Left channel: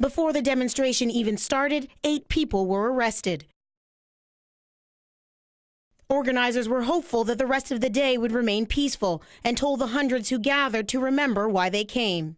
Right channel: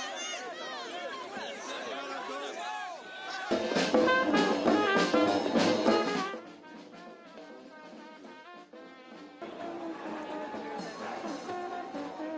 Before the demonstration even started, 8 people were arrested. Organizers were hopeful that the rest of the day would remain peaceful and told the hundreds who gathered to remember why they came.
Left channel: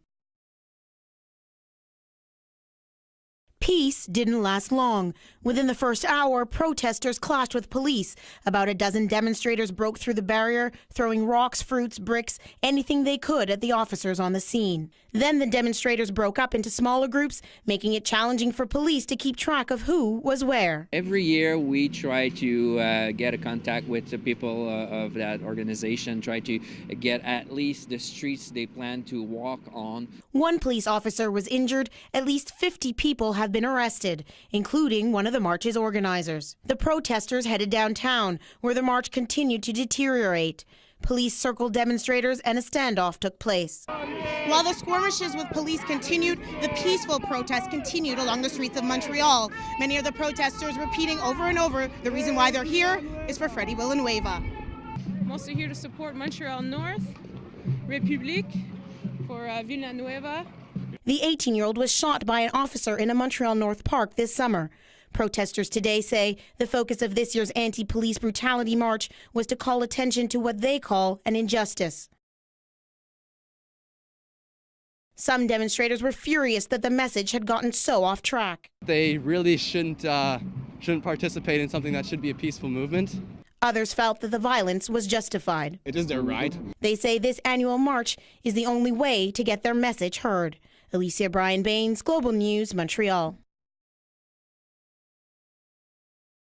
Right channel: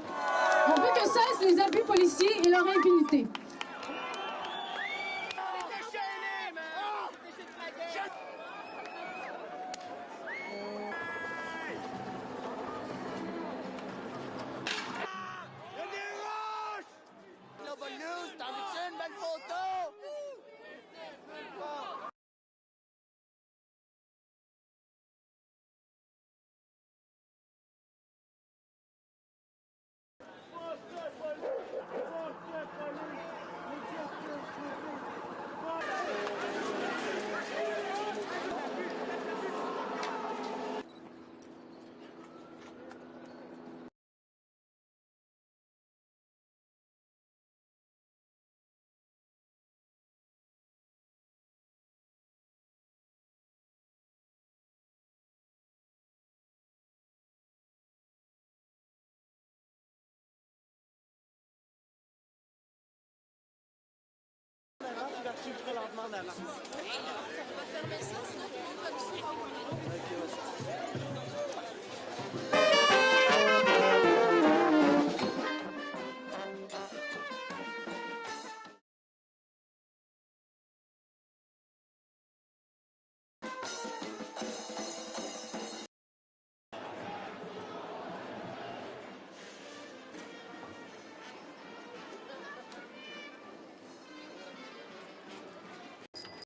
Peace didn't last long. Within the first hour, protesters clashed with police. About a dozen demonstrators broke through the barrier, throwing rocks, fruits, bricks, anything they could at the officers on the scene. Then the demonstrators broke up into smaller groups, making it challenging for police to keep track of who was where. Every year we try to get a contact with the people of that organization, try to get at least the streets they plan to walk on. One police officer was injured. At least 50 people have been arrested, including one of the march's organizers. The protesters headed downtown, where the march continued to deteriorate. Police circled demonstrators and a standoff took place. While the skirmishes with police continued, the peaceful protests continued along the streets of Montreal. Many of the protesters repeating over and over the reason why they're here is for Freddie Villanueva. I'm also here to support Montreal North, Republic, for Villanueva. The 18-year-old was shot by an officer in a Montreal North park this summer. Protesters today say the focus of this year's anti-police brutality march was to call attention to what they call an injustice. Some demonstrators were furious that the message had gotten so off track. They really shouldn't participate in something that should be a peaceful movement. Others felt that the violence was justified. It is their right. They say this annual march is the only way to get their message heard. ELYSIA, BRYAN-BAYNES, Global News, Montreal.